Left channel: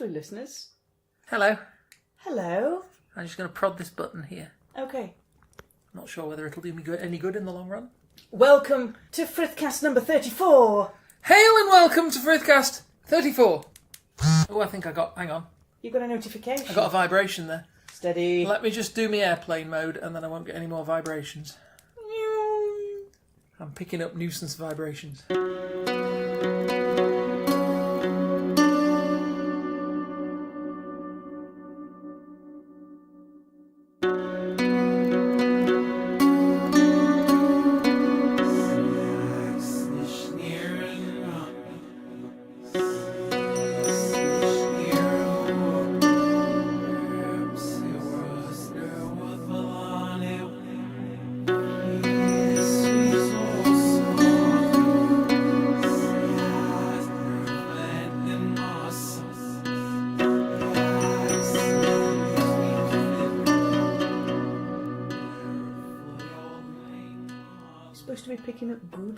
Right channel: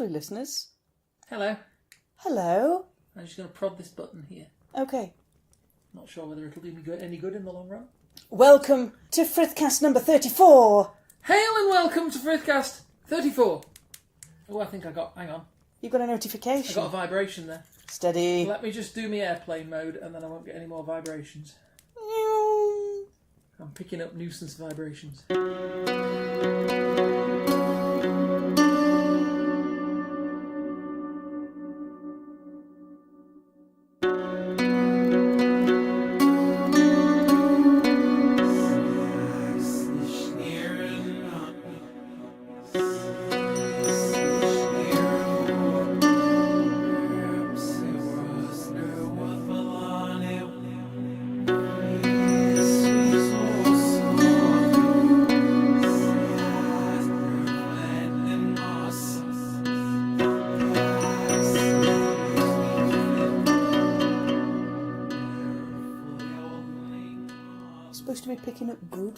Lovely listeners. Hello. Hello. I'm just going to prod this button here. Okay. Not sure whether it'll do me any good in the long run. Welcome to Frithcast number 34. Hail and welcome to Frithcast 34. Oh, I think I got... Hang on. You got a notification? I got a vibration there. Steady. Let me just do my airplane mode and then I won't get any more vibrations. I'm picking up nuisance vibrations.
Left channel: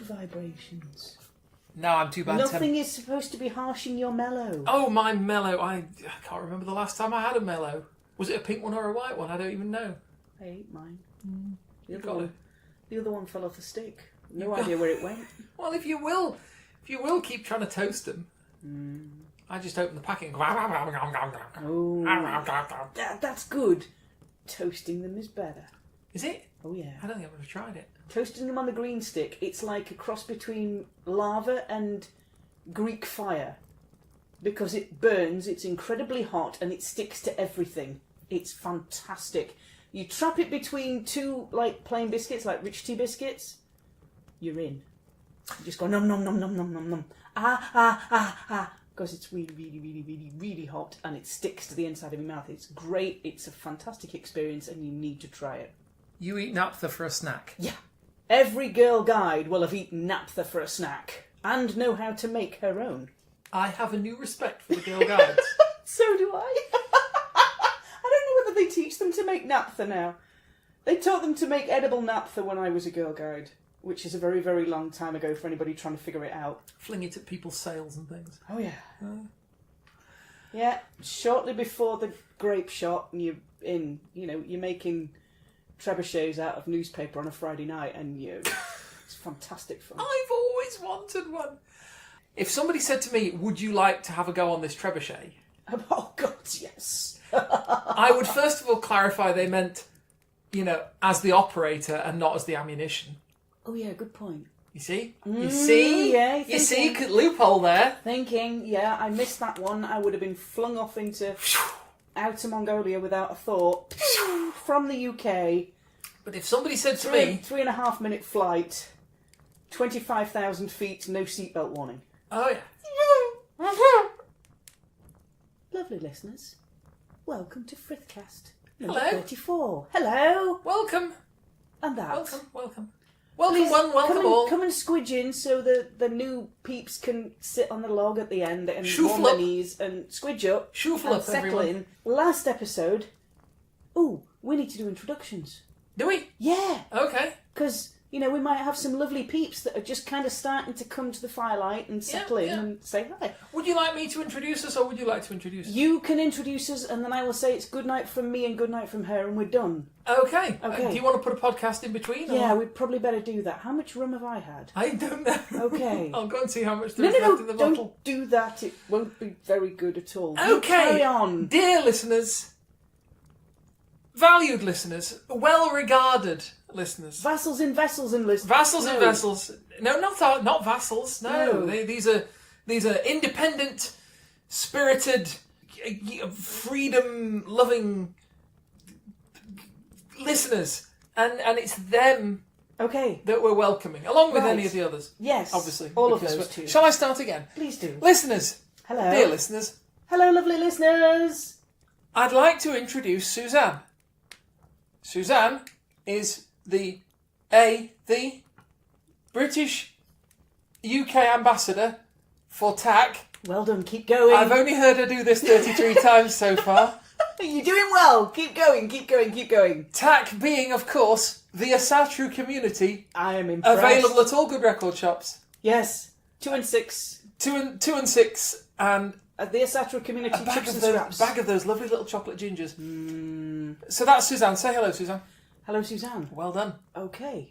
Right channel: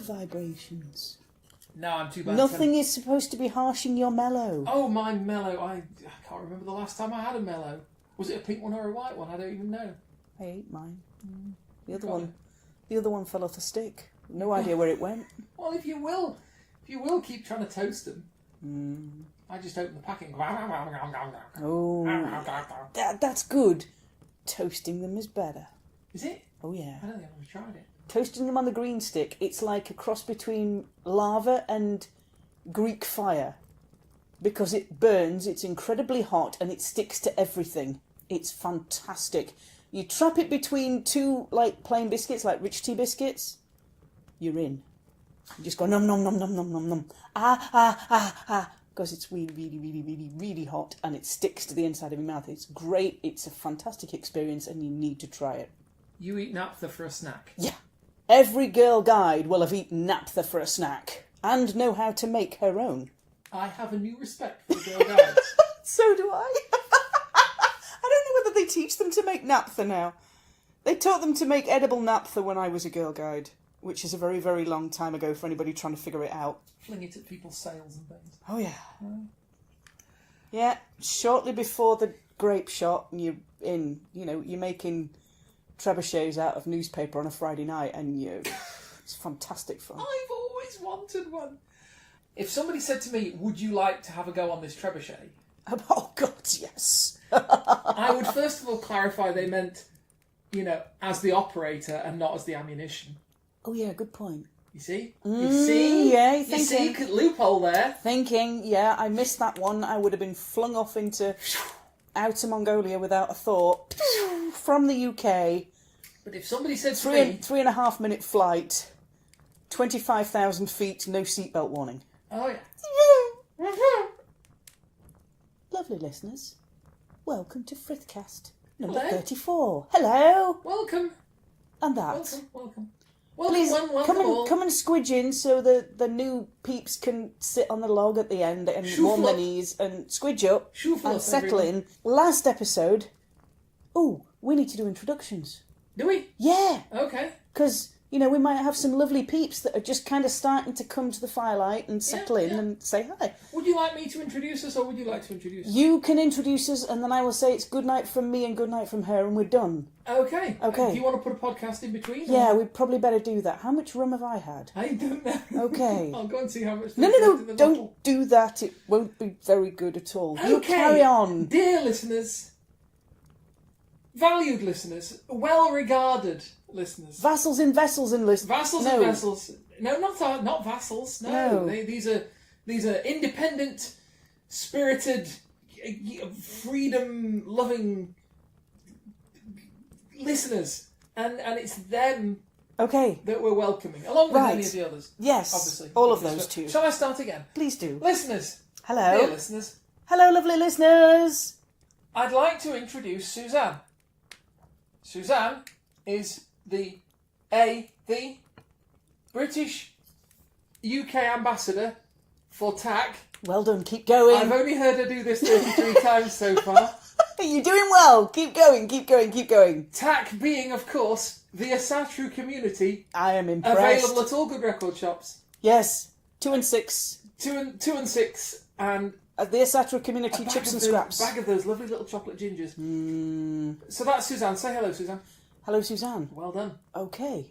Vibrations. No, I'm too bad. Nothing is supposed to be harshing your mellow. Oh, my mellow. I can't remember the last time I had a mellow. Was it a pink one or a white one? I don't even know. I ate mine. The other one fell off the stick. No idea where it went. Well, if you will keep trying to toast them. I just open the packet and go... Oh, that's good. Toasting them is better. Is it? Oh, yeah. I don't think I've ever tried it. Toasting them on the green stick, it's like a cross between lava and Greek fire. Because it burns, it's incredibly hot, and it sticks to everything. It's fantastic. You trap it between two, like, plain biscuits, like rich tea biscuits, you're in. You just go nom nom nom nom nom nom nom. Because it's really, really, really, really, really hot, and it sticks to the inside of your mouth. It's great, it's a fantastic experience, and you need to try it. You eat naphtha for a snack? Yeah. Every girl guide will have eaten naphtha for a snack and know how to make her own. I have a new respect for the girl guides. So do I. I don't know whether they teach them to make naphtha now. They taught them to make edible naphtha when I was a girl guide, which is a very, very long time ago for anybody trying to figure it out. Fling it at people's sails and things. Oh, yeah. Yeah, shortly before the grape shot, and you're in, you're making trebuchets out of newspaper on a Friday night, and it's fantastic fun. I've always wanted one. If somebody said to me, would you like to have a go on this trebuchet? Oh, God, yes. I would first of all clarify they meant, as the operator and not as the ammunition. Oh, yeah, good point. You see? You see? Yeah, you see? Loophole there. Thinking, yeah, I missed that one. I would have been flung off into outer Mongolia without a thought. From the UK. But if somebody said to me... 3.5 minute flight, 25,000 feet, no seatbelt warning. Oh, yeah. Lovely listeners, welcome to Frithcast Hello. number 34. Hello. Welcome. And that. Welcome. Please, Welcome one, welcome all. Come and squidge in so the new peeps can sit on the log at the end and warm their knees and squidge up and settle in. Last episode, we need to do introductions. Do we? Yeah. Okay. Because, we might have some lovely peeps that are just kind of starting to come to the firelight and settle in and say hi. Would you like me to introduce us, or would you like to introduce us? You can introduce us, and then I will say it's good night from me and good night from her, and we're done. Okay. Do you want to put a podcast in between? Yeah, we'd probably better do that. How much rum have I had? I don't know. Okay. I'll go and see how much there's left in the don't bottle. do that. It won't be very good at all. Okay. You carry on. Dear listeners, valued listeners, well-regarded listeners. Vassals in vessels and listeners. Vassals and vessels. No, not vassals. No. These are independent, spirited, freedom-loving listeners, and it's them that we're welcoming, along with any of the others. Yes, obviously. All of those too. Shall I start again? Please do. Listeners. Hello. Dear listeners. Hello, lovely listeners. I'd like to introduce Suzanne. Suzanne is the British UK ambassador for TAC. Well done, keep going. I've only heard her do this 33 times so far. You're doing well. Keep going, keep going, keep going. TAC being, of course, the Asatru community. I am impressed. Available at all good record shops. Yes, 2 and 6. 2 and 6, and The Asatra community A chips and those, scraps. bag of those lovely little chocolate gingers. So that's Suzanne. Say hello, Suzanne. Hello, Suzanne. Well done. Okay.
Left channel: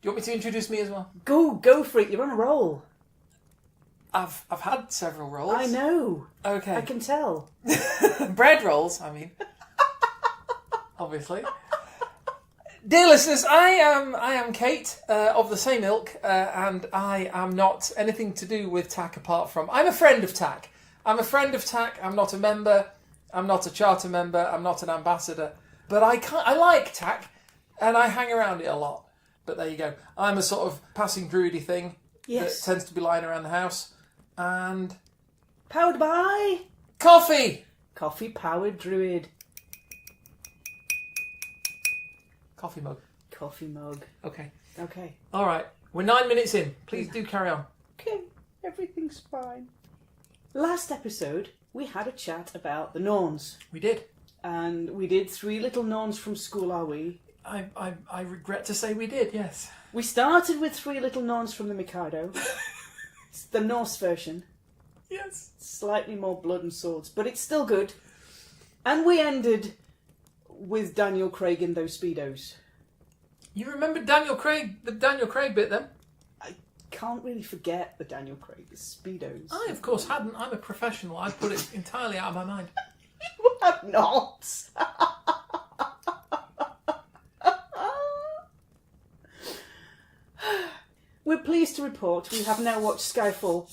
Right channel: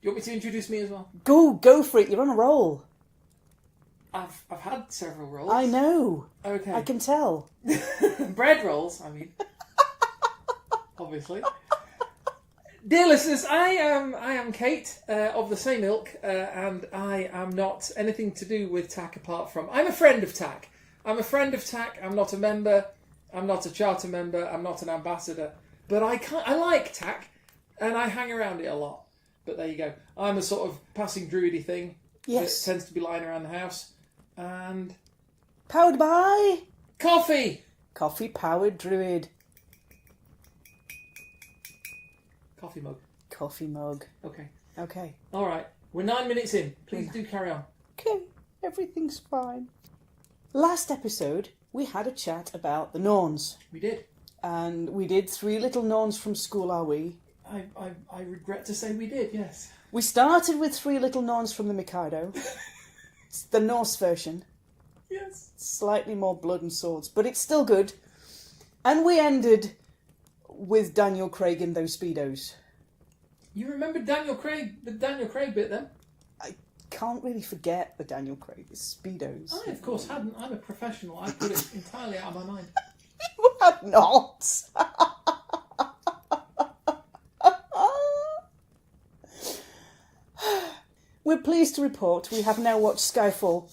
Do you want me to introduce me as well? Go for it. You're on a roll. I've had several rolls. I know. Okay. I can tell. Bread rolls, I mean. Obviously. Dear listeners, I am Kate of the same ilk, and I am not anything to do with TAC apart from I'm a friend of TAC. I'm a friend of TAC. I'm not a member. I'm not a charter member. I'm not an ambassador. But I like TAC, and I hang around it a lot. But there you go. I'm a sort of passing druidy thing that tends to be lying around the house. And Powered by coffee. Coffee powered druid. Coffee mug. Coffee mug. Okay. Okay. All right. We're 9 minutes in. Please do carry on. Okay. Everything's fine. Last episode, we had a chat about the Norns. We did. And we did 3 little Norns from school, are we? I regret to say we did, yes. We started with 3 little Norns from the Mikado. It's the Norse version. Yes. Slightly more blood and swords, but it's still good. And we ended with Daniel Craig in those Speedos. You remember Daniel Craig, the Daniel Craig bit then? I can't really forget the Daniel Craig, the Speedos. I, of course, hadn't. I'm a professional. I put it entirely out of my mind. You had not. We're pleased to report we have now watched Skyfall.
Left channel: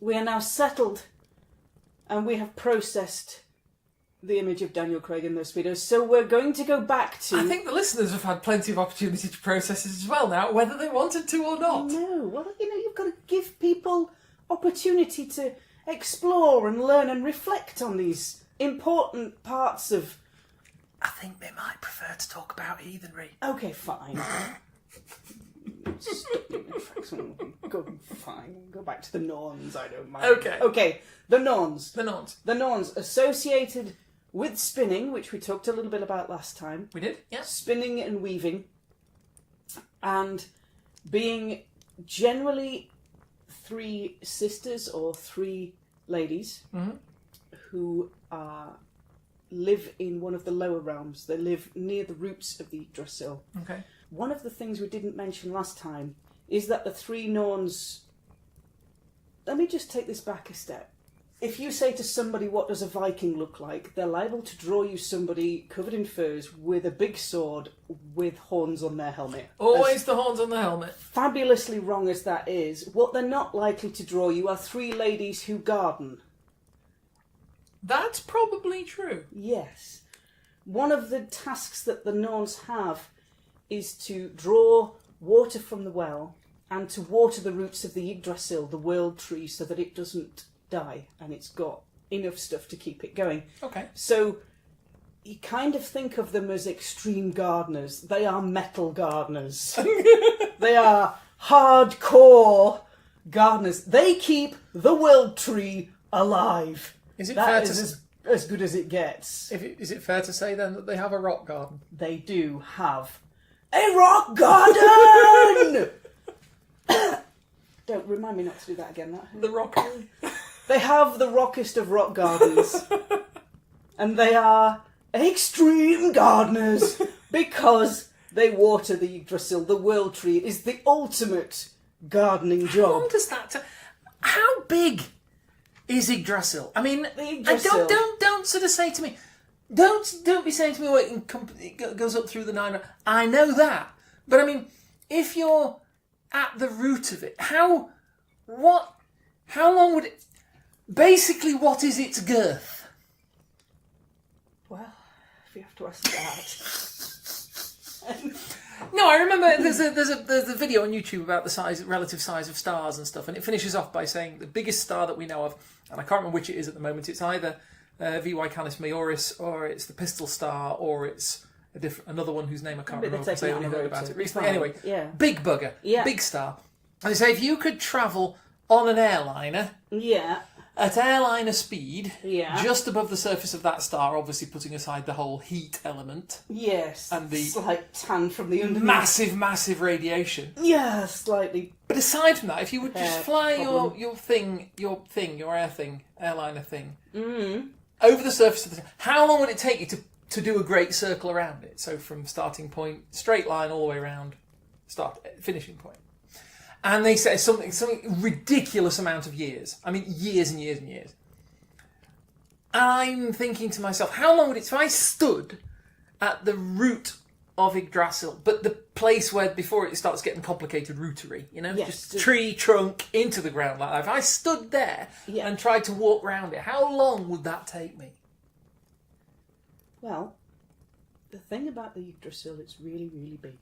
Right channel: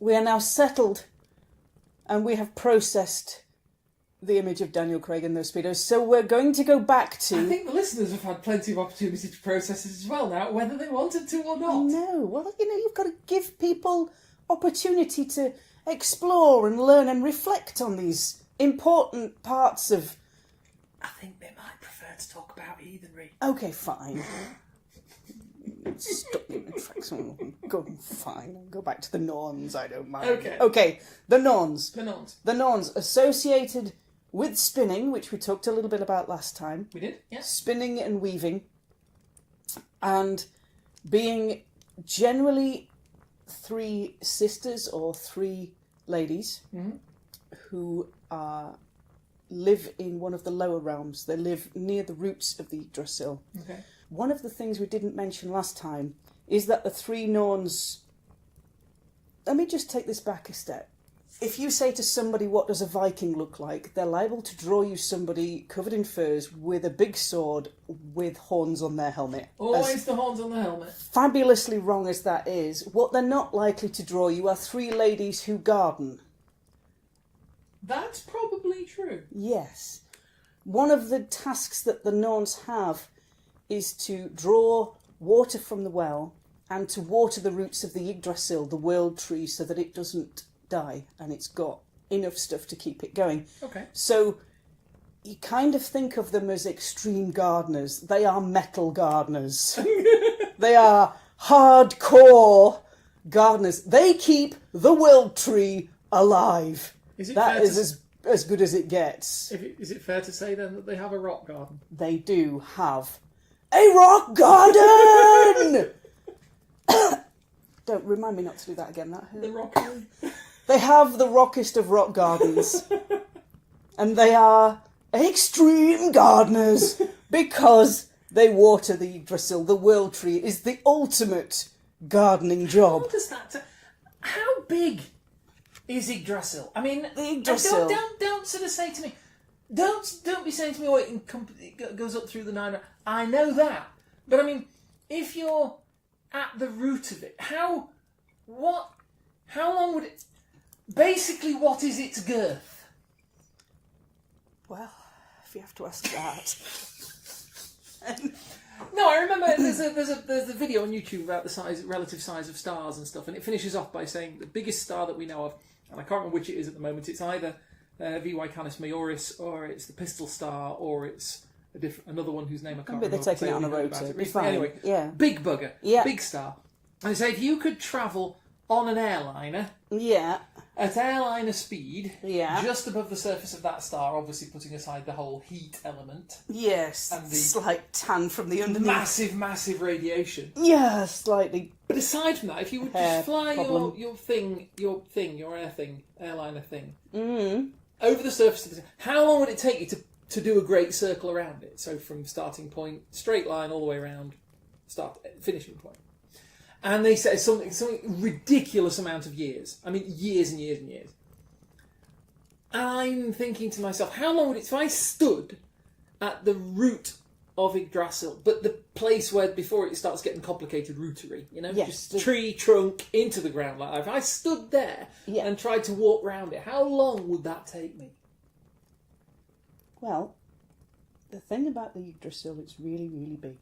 We are now settled and we have processed the image of Daniel Craig in those Speedos. So we're going to go back to... I think the listeners have had plenty of opportunity to process it as well now, whether they wanted to or not. No, well, you've got to give people opportunity to explore and learn and reflect on these important parts of... I think they might prefer to talk about heathenry. Okay, fine. Stop doing it. Go fine. Go back to the Norns. I don't mind. Okay. The Norns. The Norns associated with spinning, which we talked a little bit about last time. We did. Yeah. Spinning and weaving, and being generally 3 sisters or 3 ladies who live in one of the lower realms. They live near the roots of the Yggdrasil. Okay. One of the things we didn't mention last time is that the 3 Norns... Let me just take this back a step. If you say to somebody, what does a Viking look like? They're liable to draw you somebody covered in furs with a big sword with horns on their helmet. Always the horns on the helmet. Fabulously wrong as that is, what they're not likely to draw you are 3 ladies who garden. That's probably true. Yes. One of the tasks that the Norns have is to draw water from the well and to water the roots of the Yggdrasil, the world tree, so that it doesn't die and it's got enough stuff to keep it going. Okay. So you kind of think of them as extreme gardeners. They are metal gardeners. They are hardcore gardeners. They keep the world tree alive. That is as good as it gets. Is it fair to say then that they have a rock garden? They do have a rock garden! Don't remind me not to do that again. The rock garden. They have the rockest of rock gardens. And they are extreme gardeners because they water the Yggdrasil. The world tree is the ultimate gardening job. How does that... How big is Yggdrasil? I mean, Yggdrasil. Don't sort of say to me... Don't be saying to me, well, it goes up through the 9... I know that. But I mean, if you're at the root of it, how long would it... Basically, what is its girth? Well, if you have to ask that... No, I remember there's a video on YouTube about the relative size of stars and stuff, and it finishes off by saying the biggest star that we know of, and I can't remember which it is at the moment, it's either VY Canis Majoris, or it's the Pistol Star, or it's another one whose name I can't remember. They're taking it on a road about to. it recently. Anyway, yeah. Big bugger, Yeah. big star. And they say if you could travel on an airliner, yeah, at airliner speed, Yeah. just above the surface of that star, obviously putting aside the whole heat element. Yes. And the slight tan from the underneath. Massive radiation. Yeah, slightly. But aside from that, if you would just fly problem. your airliner thing, Mm. over the surface of the thing, how long would it take you to do a great circle around it? So from starting point, straight line all the way around, finishing point. And they say something ridiculous amount of years. I mean, years and years and years. And I'm thinking to myself, how long would it, if I stood at the root of Yggdrasil, but the place where before it starts getting complicated rootery, Yes. just tree trunk into the ground like that. If I stood there and tried to walk around it, how long would that take me? Well, the thing about the Yggdrasil, it's really, really big.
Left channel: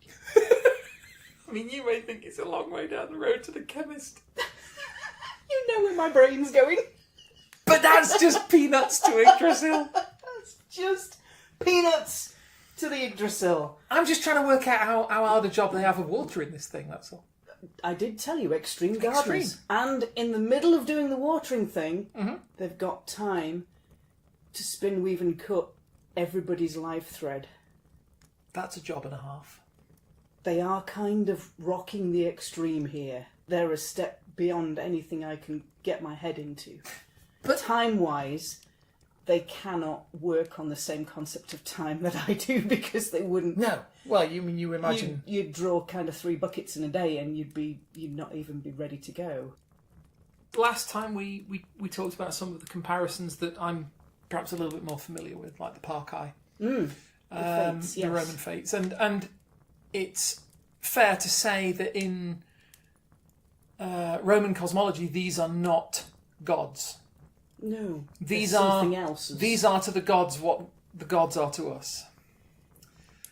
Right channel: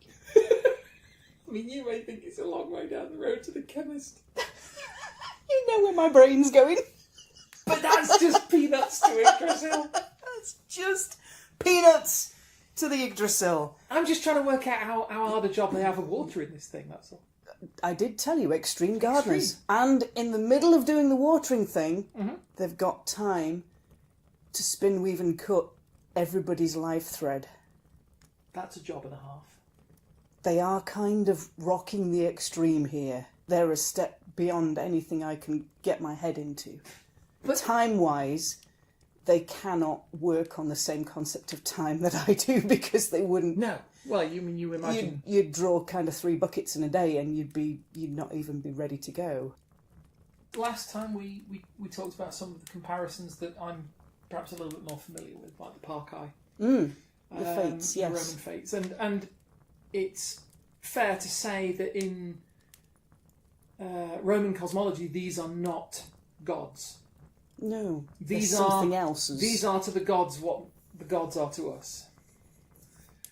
I mean, you may think it's a long way down the road to the chemist. You know where my brain's going. But that's just peanuts to Yggdrasil. That's just peanuts to the Yggdrasil. I'm just trying to work out how hard a job they have of watering this thing, that's all. I did tell you, extreme gardeners. Extreme. And in the middle of doing the watering thing, they've got time to spin, weave and cut everybody's life thread. That's a job and a half. They are kind of rocking the extreme here. They're a step beyond anything I can get my head into. But time-wise, they cannot work on the same concept of time that I do because they wouldn't. No. Well, you imagine... You'd draw kind of 3 buckets in a day and you'd not even be ready to go. Last time we talked about some of the comparisons that I'm perhaps a little bit more familiar with, like the Parkai. The fates, yes. The Roman fates. And it's fair to say that in Roman cosmology, these are not gods. No, these are are something else. These are to the gods what the gods are to us.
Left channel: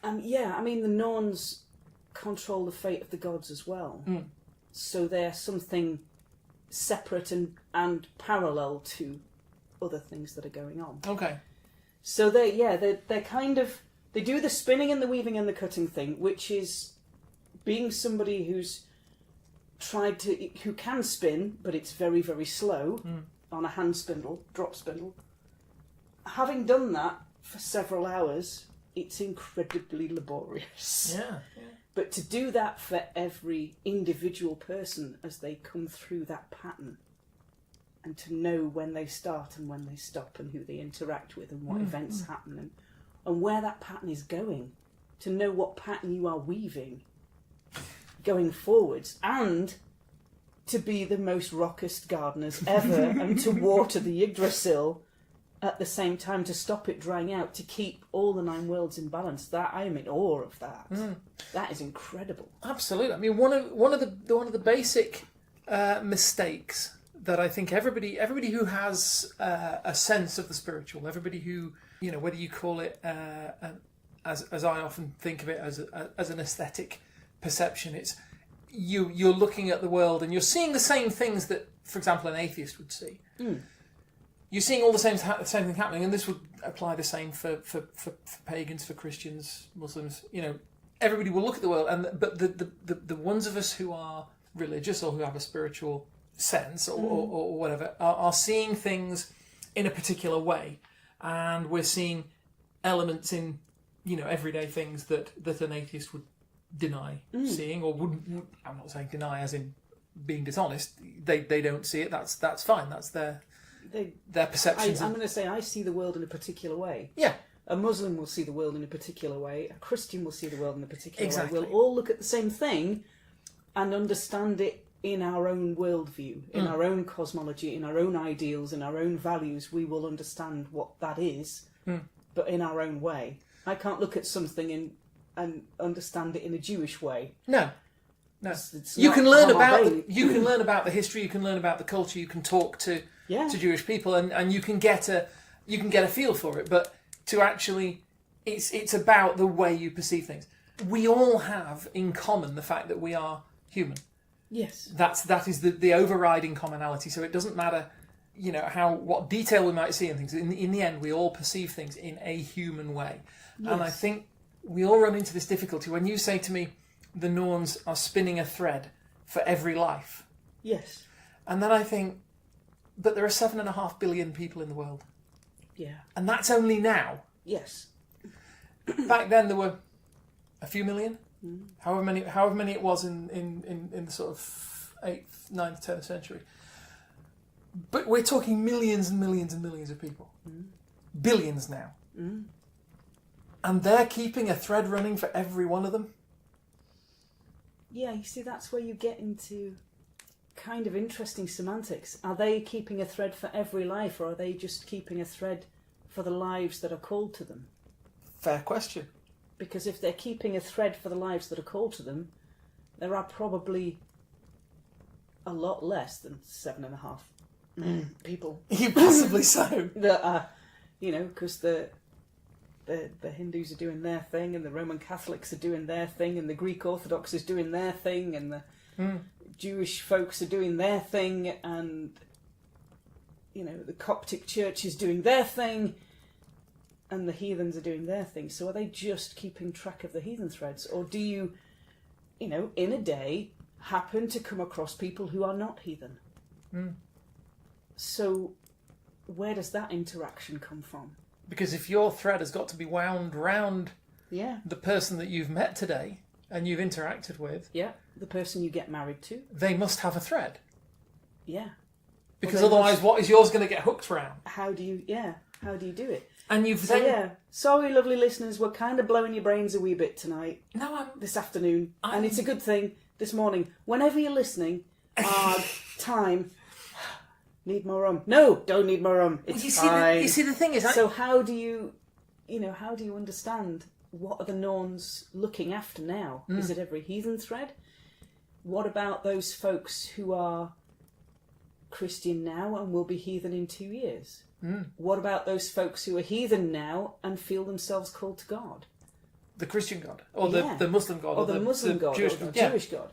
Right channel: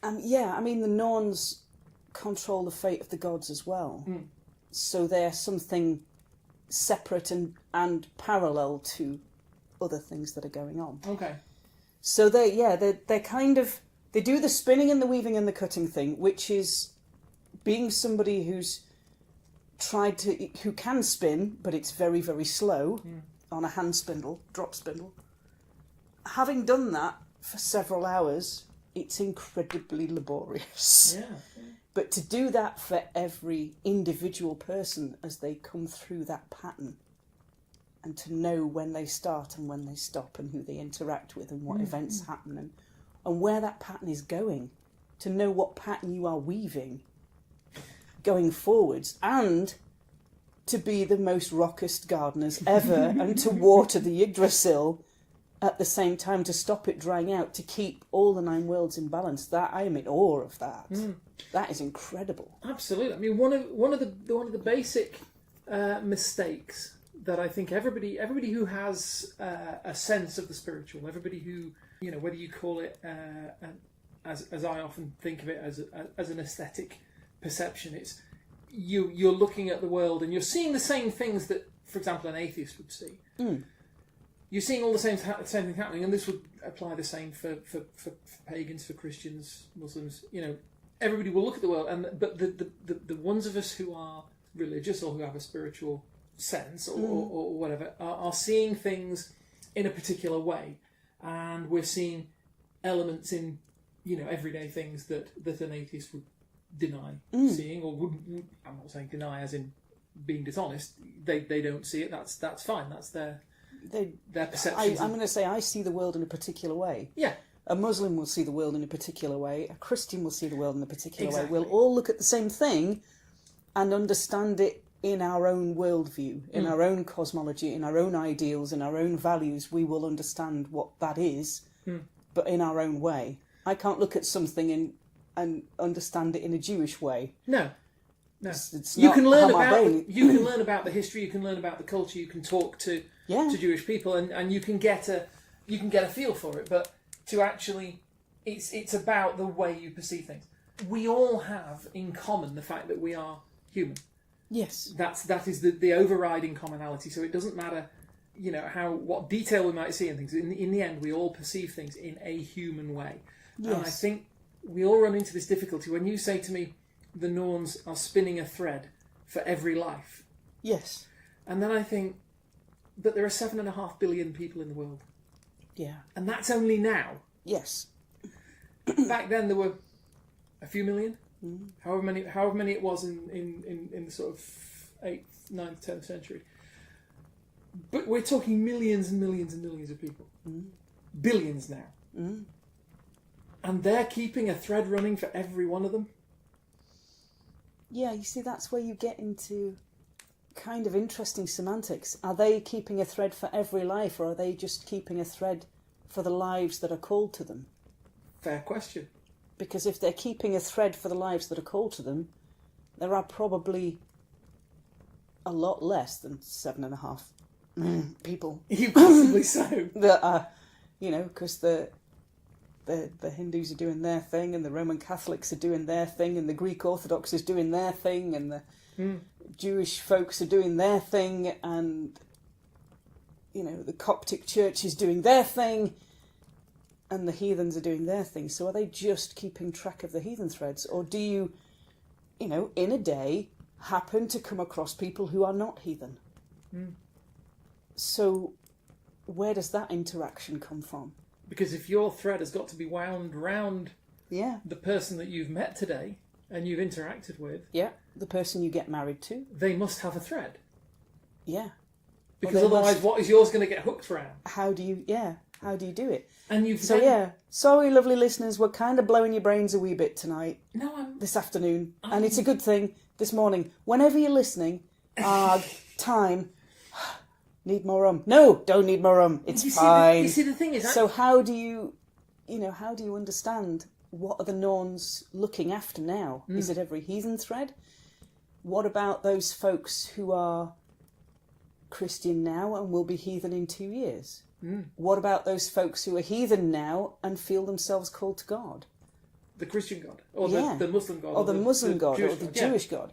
I mean the Norns control the fate of the gods as well. So they're something separate and parallel to other things that are going on. Okay. So they're kind of, they do the spinning and the weaving and the cutting thing, which is being somebody who can spin, but it's very, very slow on a hand spindle, drop spindle. Having done that for several hours, it's incredibly laborious. Yeah. But to do that for every individual person as they come through that pattern, and to know when they start and when they stop and who they interact with and what events happen and where that pattern is going, to know what pattern you are weaving going forwards, and to be the most rockest gardeners ever and to water the Yggdrasil at the same time, to stop it drying out, to keep all the 9 worlds in balance. That I am in awe of that. That is incredible. Absolutely. I mean, one of the basic mistakes that I think everybody who has a sense of the spiritual, everybody who, whether you call it as I often think of it as an aesthetic perception, it's you're looking at the world and you're seeing the same things that, for example, an atheist would see. You're seeing all the same thing happening, and this would apply the same for pagans, for Christians, Muslims. Everybody will look at the world, but the ones of us who are religious or who have a spiritual sense or whatever are seeing things in a particular way, and we're seeing elements in everyday things that an atheist would deny seeing, or wouldn't. I'm not saying deny as in being dishonest. They don't see it. That's fine. That's their perceptions. I'm going to say I see the world in a particular way. Yeah. A Muslim will see the world in a particular way. A Christian will see the world in a particular way. Exactly. We'll all look at the same thing and understand it in our own worldview, in our own cosmology, in our own ideals, in our own values. We will understand what that is, but in our own way. I can't look at something and understand it in a Jewish way. No. It's You not can learn how my about brain- the history. You can learn about the culture. You can talk to Yeah. Jewish people, and you can get a feel for it. But to actually, it's about the way you perceive things. We all have in common the fact that we are human. Yes. That is the overriding commonality. So it doesn't matter, what detail we might see in things. In the end, we all perceive things in a human way. Yes. And I think we all run into this difficulty when you say to me, the Norns are spinning a thread for every life. Yes. And then I think, But there are 7.5 billion people in the world. Yeah. And that's only now. Yes. Back then there were a few million. Mm. However many it was in the sort of 8th, 9th, 10th century. But we're talking millions and millions and millions of people. Mm. Billions now. Mm. And they're keeping a thread running for every one of them. Yeah, you see, that's where you get into kind of interesting semantics. Are they keeping a thread for every life, or are they just keeping a thread for the lives that are called to them? Fair question. Because if they're keeping a thread for the lives that are called to them, there are probably a lot less than 7.5 people. Possibly so. That are, because the Hindus are doing their thing, and the Roman Catholics are doing their thing, and the Greek Orthodox is doing their thing, and the Jewish folks are doing their thing, and the Coptic Church is doing their thing, and the heathens are doing their thing. So are they just keeping track of the heathen threads, or do you, in a day, happen to come across people who are not heathen? So where does that interaction come from? Because if your thread has got to be wound round the person that you've met today and you've interacted with, the person you get married to, they must have a thread. Yeah. Because otherwise, what is yours going to get hooked round? How do you do it? And you've sorry, lovely listeners, we're kind of blowing your brains a wee bit tonight. This afternoon, and it's a good thing. This morning, whenever you're listening, time. Need more rum? No, don't need more rum. It's fine. You see, the thing is, so how do you understand what are the Norns looking after now? Is it every heathen thread? What about those folks who are Christian now and will be heathen in 2 years? What about those folks who are heathen now and feel themselves called to God? The Christian God, or the Muslim God, or the Muslim God, Jewish or the God. Jewish God,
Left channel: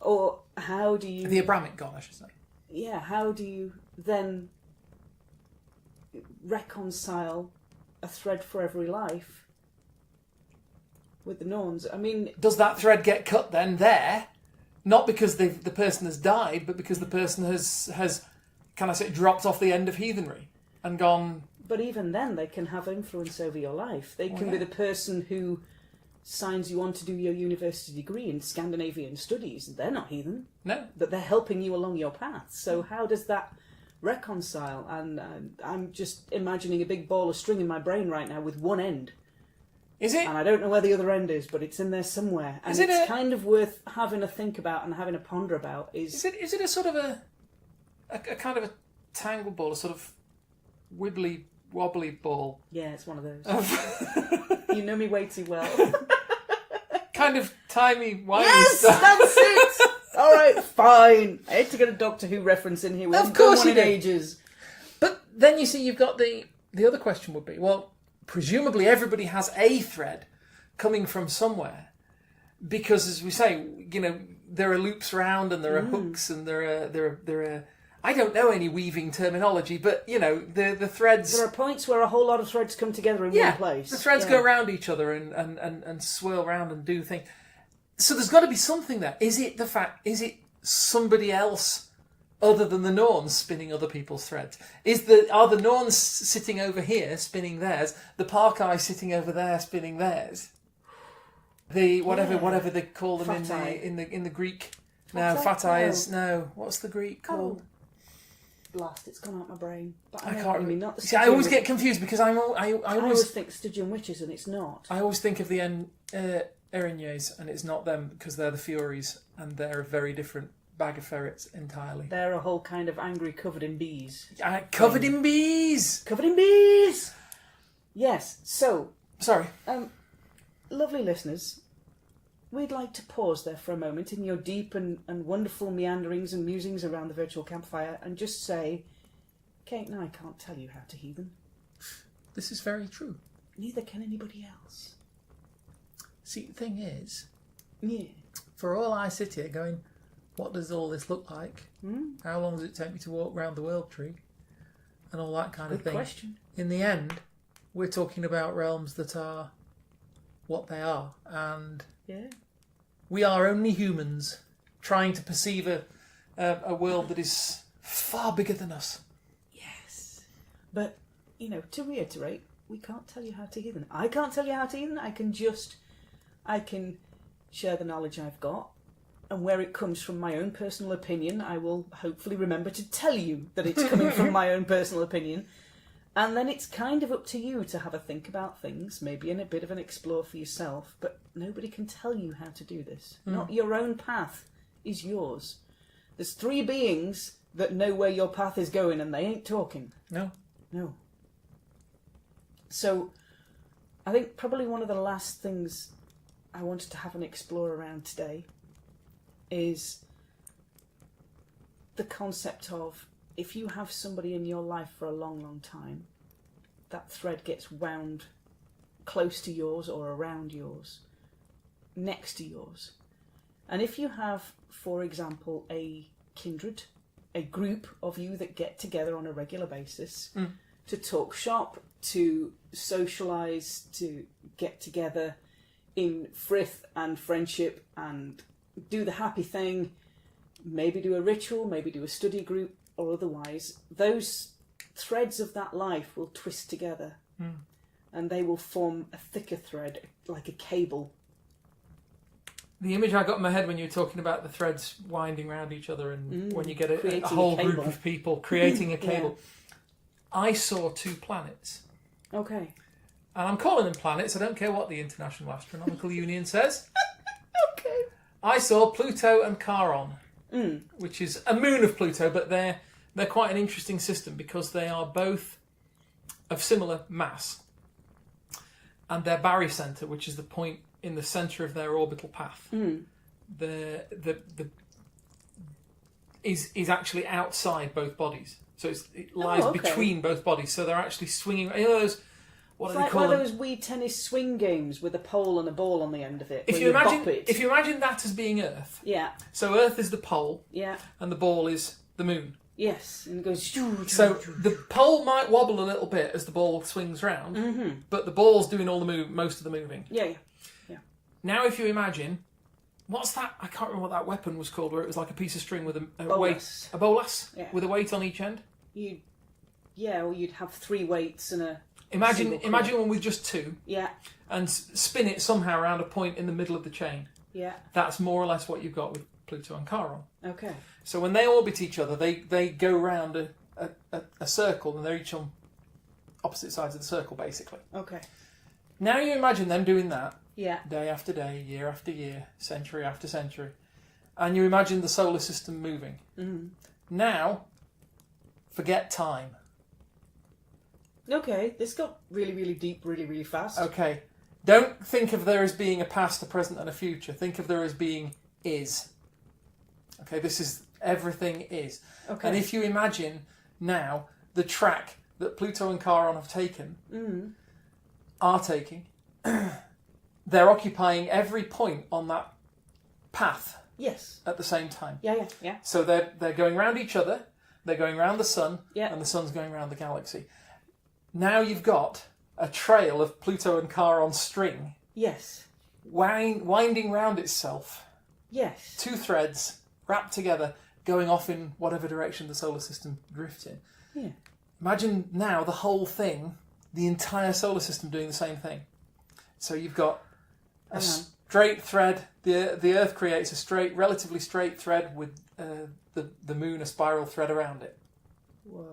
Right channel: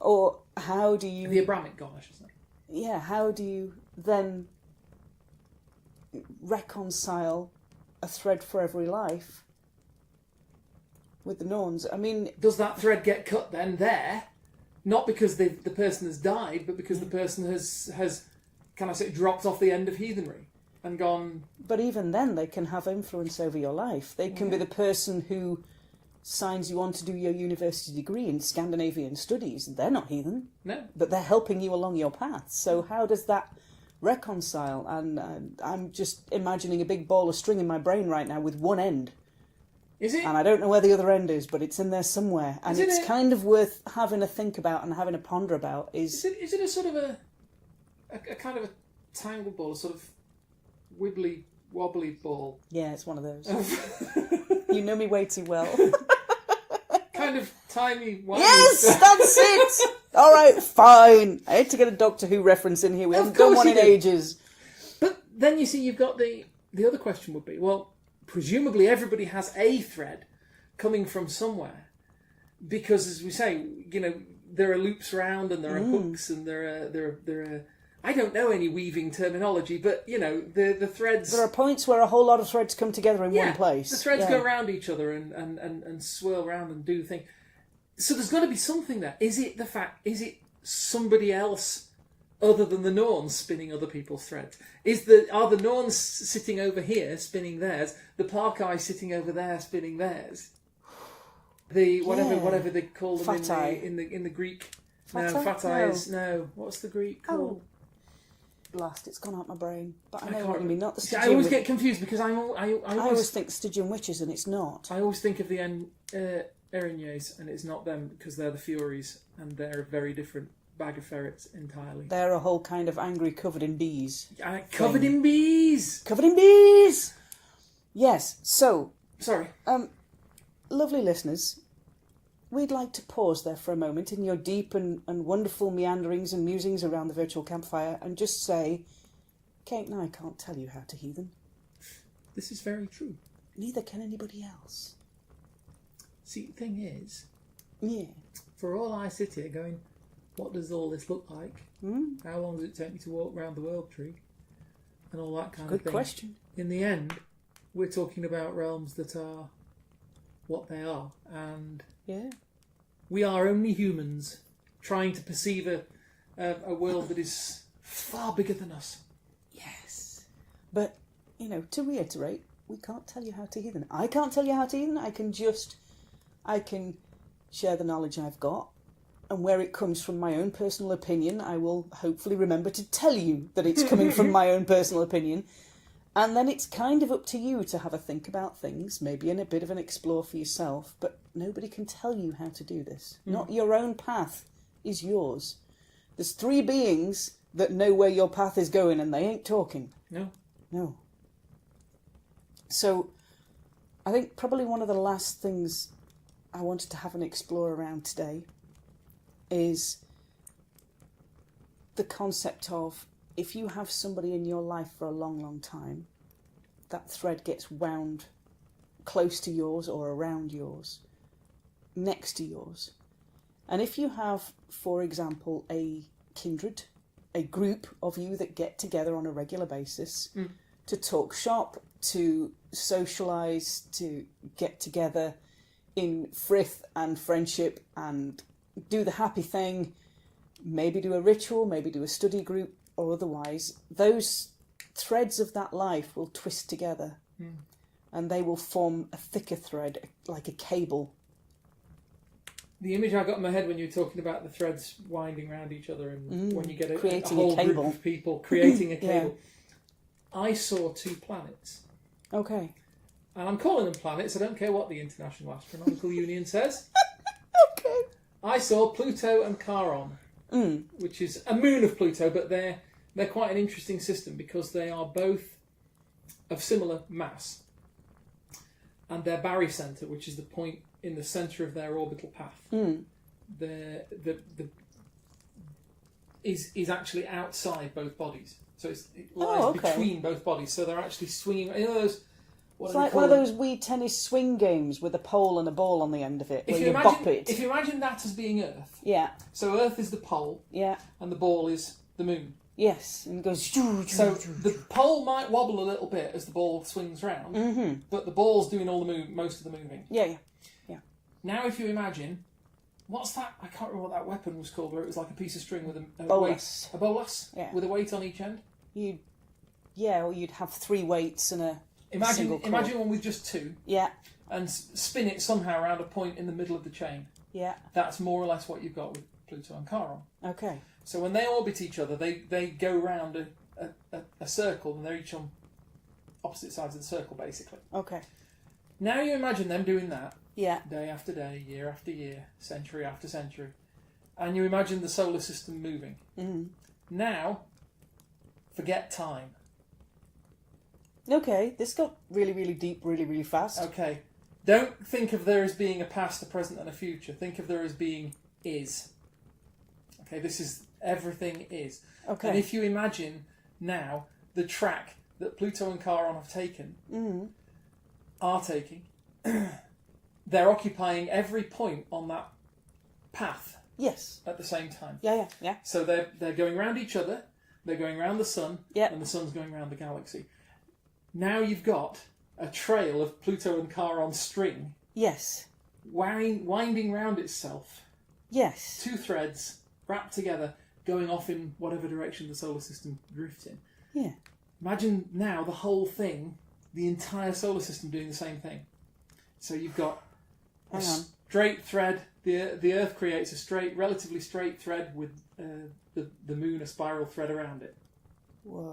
or how do you? The Abrahamic God, I should say. Yeah, how do you then reconcile a thread for every life with the Norns? I mean, does that thread get cut then there? Not because the person has died, but because the person has kind of dropped off the end of heathenry and gone. But even then, they can have influence over your life. They can be the person who signs you on to do your university degree in Scandinavian studies. They're not heathen. No. But they're helping you along your path. So how does that reconcile? And I'm just imagining a big ball of string in my brain right now with one end. Is it? And I don't know where the other end is, but it's in there somewhere. And it's kind of worth having a think about and having a ponder about. Is it a sort of a kind of a tangle ball, a sort of wibbly wobbly ball? Yeah, it's one of those. You know me way too well. Kind of timey wimey Yes, stuff. that's it. All right, fine. I had to get a Doctor Who reference in here. We haven't done one in ages. But then you see, you've got the other question would be, well, presumably everybody has a thread coming from somewhere, because as we say, there are loops around and there are hooks and there are. I don't know any weaving terminology, but the threads. There are points where a whole lot of threads come together in one place. The threads go around each other and swirl around and do things. So there's got to be something there. Is it somebody else other than the Norns spinning other people's threads? Are the Norns sitting over here spinning theirs? The Parkai sitting over there spinning theirs? The whatever they call them in the Greek. Fatai. No. What's the Greek called? Lost. It's gone out my brain. But I can't know what you mean. Not the See, I always get confused because I always think Stygian witches and it's not. I always think of the Erinyes and it's not them because they're the Furies and they're a very different bag of ferrets entirely. They're a whole kind of angry covered in bees. Covered in bees! Covered in bees! Yes, so... Sorry. Lovely listeners, we'd like to pause there for a moment in your deep and wonderful meanderings and musings around the virtual campfire and just say, Kate and I can't tell you how to heathen. This is very true. Neither can anybody else. See, the thing is, for all I sit here going, what does all this look like? How long does it take me to walk round the world tree? And all that kind of thing. Good question. In the end, we're talking about realms that are what they are. And we are only humans trying to perceive a world that is far bigger than us. But, to reiterate, we can't tell you how to heathen. I can't tell you how to heathen. I can share the knowledge I've got, and where it comes from my own personal opinion, I will hopefully remember to tell you that it's coming from my own personal opinion. And then it's kind of up to you to have a think about things, maybe in a bit of an explore for yourself, but nobody can tell you how to do this. Not your own path is yours. There's 3 beings that know where your path is going, and they ain't talking. No. So, I think probably one of the last things I wanted to have an explore around today is the concept of, if you have somebody in your life for a long, long time, that thread gets wound close to yours or around yours, next to yours. And if you have, for example, a kindred, a group of you that get together on a regular basis to talk shop, to socialise, to get together in frith and friendship and do the happy thing, maybe do a ritual, maybe do a study group, or otherwise, those threads of that life will twist together and they will form a thicker thread, like a cable. The image I got in my head when you were talking about the threads winding around each other, and when you get a whole group of people creating a cable, I saw 2 planets. Okay. And I'm calling them planets, I don't care what the International Astronomical Union says. Okay. I saw Pluto and Charon, which is a moon of Pluto, but they're quite an interesting system because they are both of similar mass. And their barycenter, which is the point in the centre of their orbital path, is actually outside both bodies. So it lies between both bodies. So they're actually swinging. Those, what it's do they like call one them? of those wee tennis swing games with a pole and a ball on the end of it. If you imagine that as being Earth. Yeah. So Earth is the pole. Yeah. And the ball is the moon. Yes, and it goes. So the pole might wobble a little bit as the ball swings round, but the ball's doing all the most of the moving. Yeah. Now, if you imagine, what's that? I can't remember what that weapon was called, where it was like a piece of string with a weight, a bolas, with a weight on each end. Or you'd have 3 weights and a. Imagine one with just 2. Yeah. And spin it somehow around a point in the middle of the chain. Yeah. That's more or less what you've got with Pluto and Charon. Okay. So when they orbit each other, they go round a circle, and they're each on opposite sides of the circle, basically. Okay. Now you imagine them doing that. Yeah. Day after day, year after year, century after century. And you imagine the solar system moving. Now, forget time. Okay, this got really, really deep, really, really fast. Okay. Don't think of there as being a past, a present, and a future. Think of there as being is. Okay, this is everything is. Okay. And if you imagine now the track that Pluto and Charon have taken, are taking, they're occupying every point on that path. Yes. At the same time. Yeah. So they're going round each other, they're going round the sun, yeah. and the sun's going round the galaxy. Now you've got a trail of Pluto and Charon string. Yes. Winding round itself. Yes. 2 threads wrapped together, going off in whatever direction the solar system drifts in. Yeah. Imagine now the whole thing, the entire solar system doing the same thing. So you've got a straight thread. The Earth creates a relatively straight thread with the Moon a spiral thread around it. Whoa.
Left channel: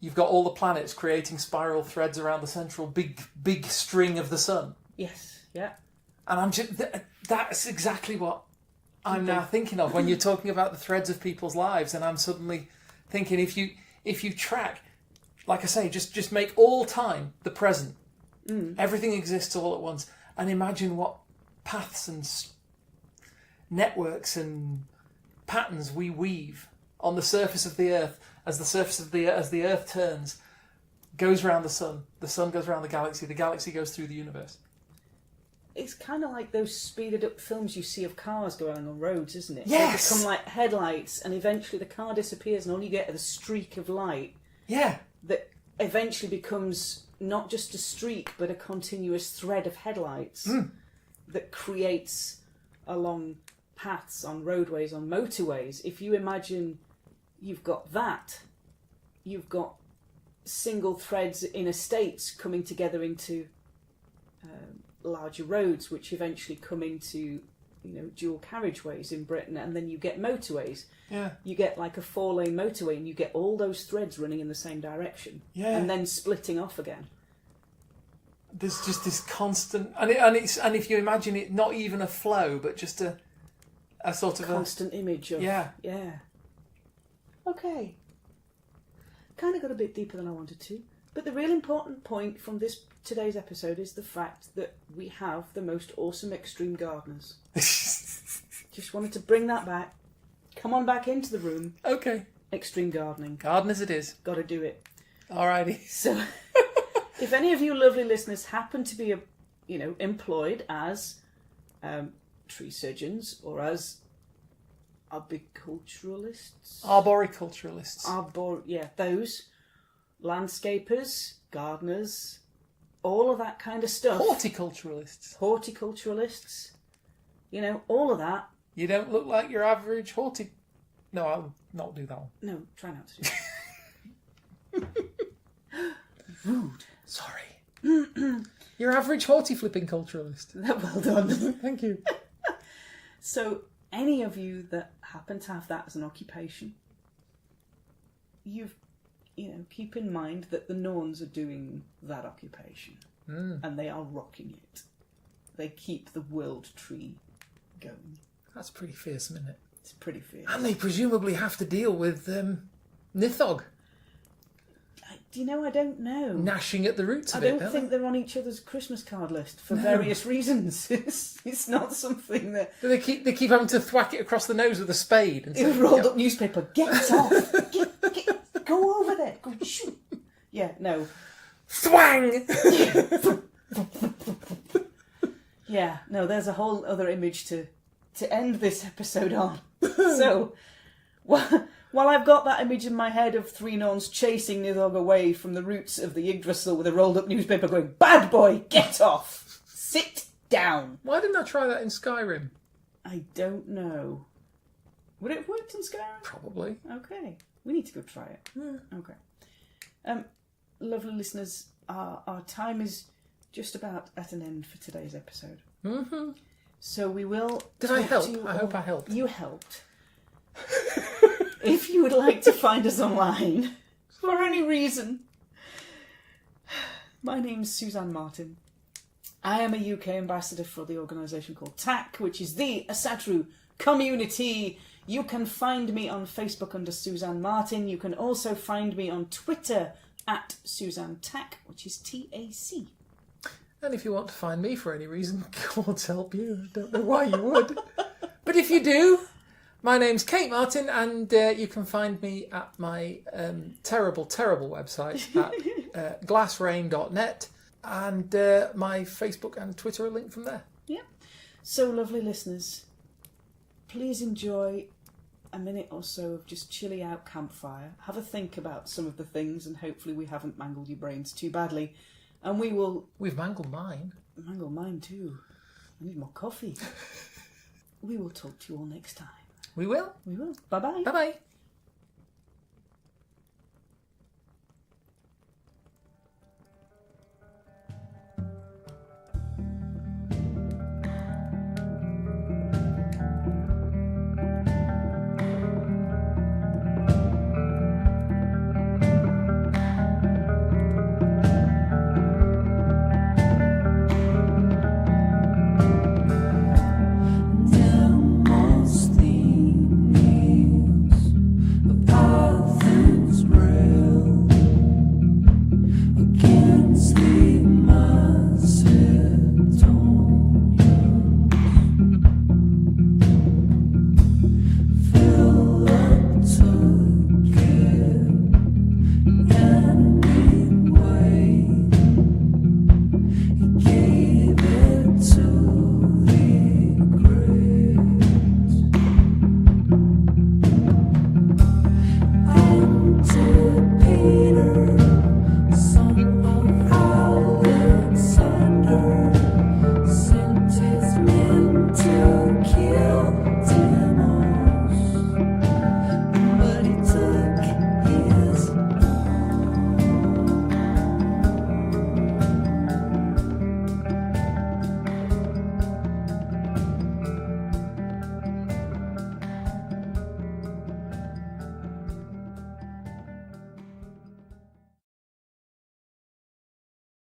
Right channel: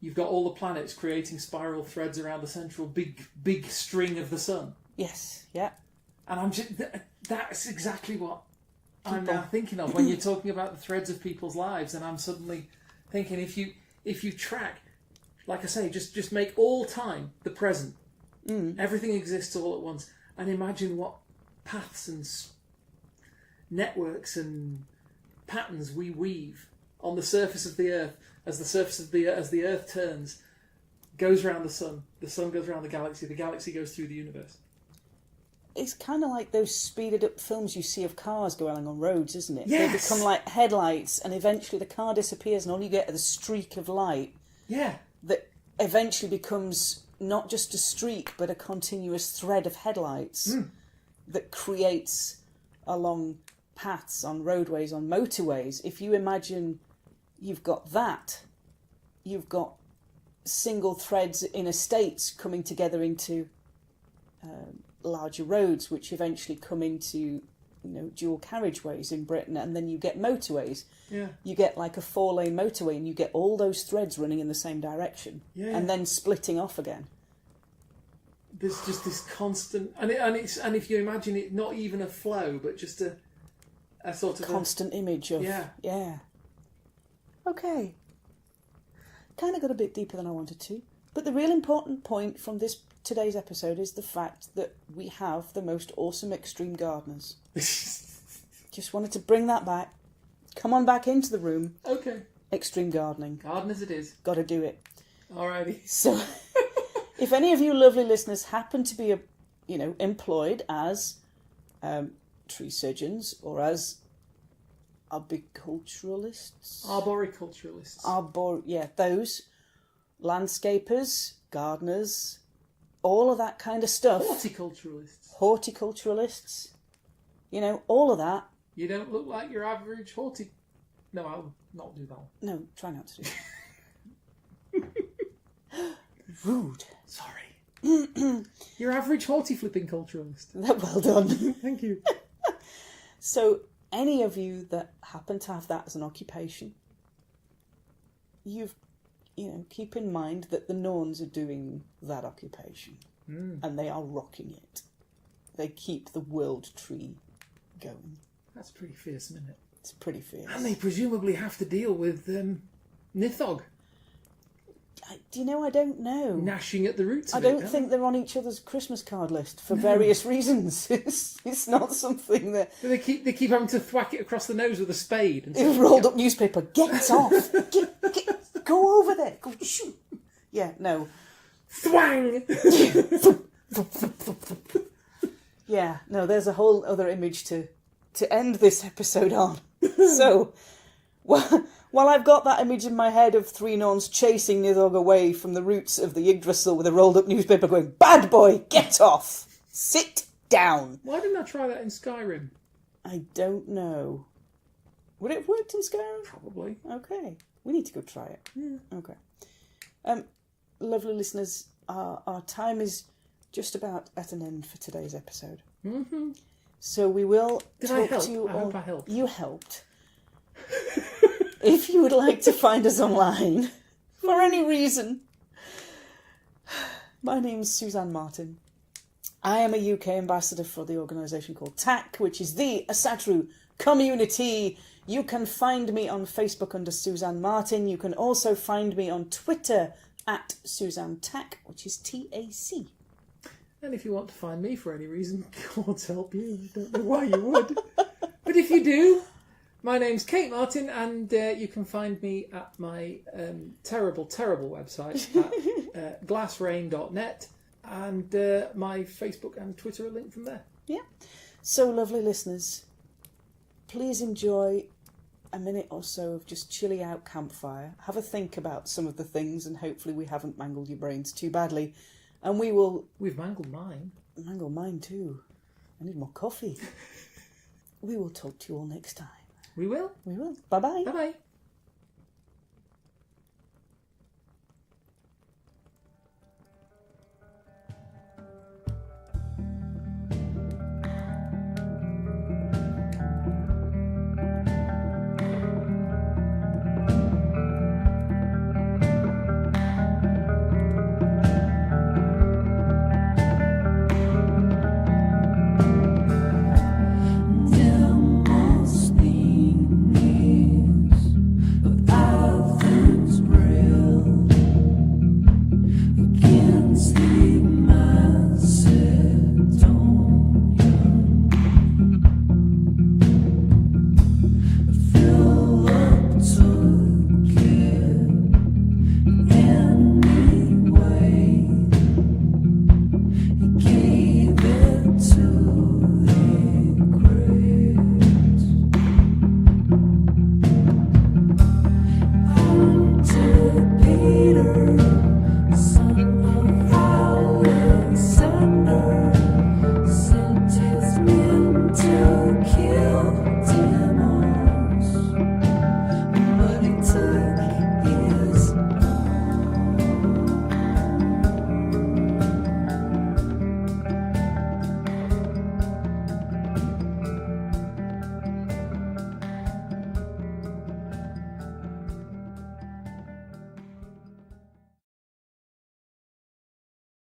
You've got all the planets creating spiral threads around the central big string of the sun. Yes. Yeah. And that's exactly what I'm now thinking of when you're talking about the threads of people's lives. And I'm suddenly thinking, if you track, like I say, just make all time the present. Everything exists all at once, and imagine what paths and networks and patterns we weave on the surface of the Earth as the Earth turns, goes around the sun goes around the galaxy goes through the universe. It's kind of like those speeded up films you see of cars going along on roads, isn't it? Yes. They become like headlights, and eventually the car disappears, and all you get is a streak of light. Yeah. That eventually becomes not just a streak, but a continuous thread of headlights that creates along paths, on roadways, on motorways. If you imagine you've got that, you've got single threads in estates coming together into larger roads, which eventually come into dual carriageways in Britain, and then you get motorways. Yeah. You get like a 4-lane motorway, and you get all those threads running in the same direction, and then splitting off again. There's just this constant, and if you imagine it, not even a flow, but just a sort of constant image of yeah. Okay. Kind of got a bit deeper than I wanted to, but the real important point from today's episode is the fact that we have the most awesome extreme gardeners. Just wanted to bring that back. Come on back into the room. Okay. Extreme gardening. Gardeners it is. Got to do it. Alrighty. So, if any of you lovely listeners happen to be, employed as tree surgeons or as arboriculturalists, those landscapers, gardeners, all of that kind of stuff. Horticulturalists, all of that. You don't look like your average No, I'll not do that one. No, try not to do that. Rude. Sorry. Your average hortiflipping culturalist. Well done. Thank you. So, any of you that happen to have that as an occupation, keep in mind that the Norns are doing that occupation, and they are rocking it. They keep the world tree going. That's pretty fearsome, isn't it? It's pretty fierce. And they presumably have to deal with Nithog. I don't know. Gnashing at the roots of it. I don't think they're on each other's Christmas card list for various reasons. It's not something that... They keep having to thwack it across the nose with a spade. And You've rolled up newspaper. Get off. Go over there. Go shoot. Yeah, no. Thwang! Yeah, no, there's a whole other image to end this episode on. So, while I've got that image in my head of 3 Norns chasing Nithog away from the roots of the Yggdrasil with a rolled up newspaper going, "Bad boy, get off! Sit down!" Why didn't I try that in Skyrim? I don't know. Would it have worked in Skyrim? Probably. Okay. We need to go try it. Yeah. Okay. Lovely listeners, our time is just about at an end for today's episode. Mm-hmm. So we will... Did I help? I hope I helped. You helped. If you would like to find us online, for any reason, my name's Suzanne Martin. I am a UK ambassador for the organisation called TAC, which is the Asatru Community. You can find me on Facebook under Suzanne Martin. You can also find me on Twitter at Suzanne TAC, which is TAC. And if you want to find me for any reason, God help you. I don't know why you would. But if you do, my name's Kate Martin, and you can find me at my terrible website at glassrain.net, and my Facebook and Twitter are linked from there. Yeah. So, lovely listeners, please enjoy a minute or so of just chilly out campfire. Have a think about some of the things, and hopefully we haven't mangled your brains too badly. And we will... We've mangled mine. Mangled mine too. I need more coffee. We will talk to you all next time. We will. We will. Bye-bye. Bye-bye.